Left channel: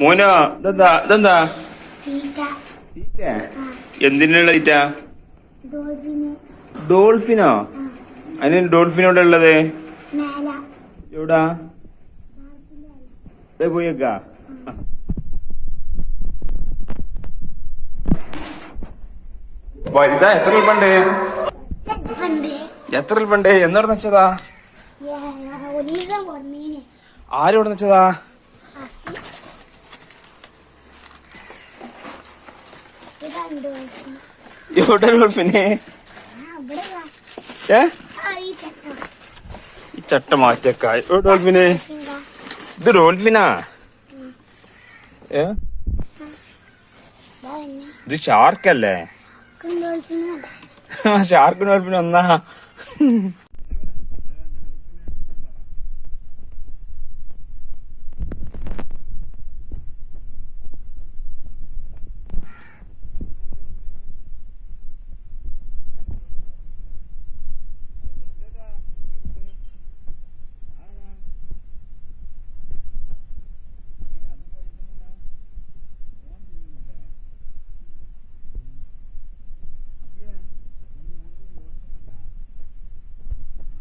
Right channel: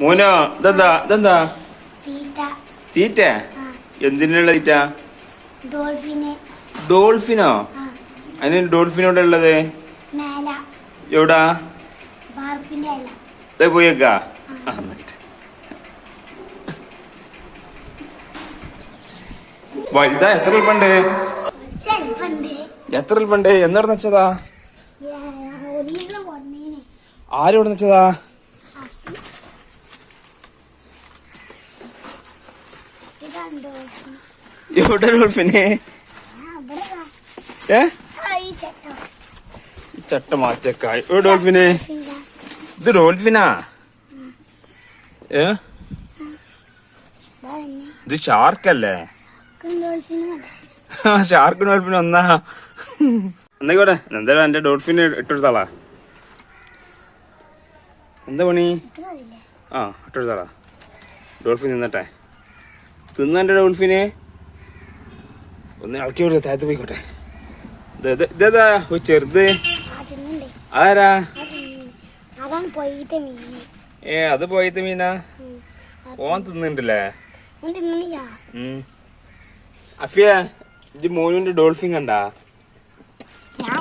മോനോ ഇതെന്താ? ഇതെന്താ? തീറ്റ. എന്തിനുള്ള തീറ്റ? ഡോൾഫിന്. അതിന് ഡോൾഫിനോടെ ഉള്ളത്? എവിടാ? പോയേക്കാ വലുതാ എത്ര ഉൾപ്പണ്ട് എത്ര ഉൾപ്പണ്ട് എന്നോട് വെച്ചതാ. ആരോട് വെച്ചതാ ഇതാണ് ഡോൾഫിൻ എവിടെ ഡോൾഫിന് ഈ ചട്ടം മാറ്റക്കായ് ഓ ഡോൾഫിനെ ഇതാ. ഡോൾഫിനാ ഇതാ ഷാർക്കല്ലേ? ഡോൾഫിനും ഷാർക്ക് ഡോൾഫിൻ ഒന്നാ എന്നായിക്കോട്ടെ എന്തായാലും എന്റെ ഡോൾഫിന് ഇട്ടെടുത്താളാ? എന്താ പണി? ആ ഇട്ടെടുത്താളാ. ഡോൾഫിൻ നിന്നട്ടെ. തിന്ന ഡോൾഫിനെ ഒന്ന് ഇളക്കി വിടുക താഴത്ത് പോയിക്കോട്ടെ. ഇത് ഇത് ഇതേതാ ഒരു ചെറുത്. ആരാ? ഏ അത് പോയത്തെ മീനാ. ഓൻ തിന്നുണ്ടല്ലേ? അഫിയ ഇത് മോനുണ്ട് ഡോൾഫിൻ കണ്ടാ? ഞാൻ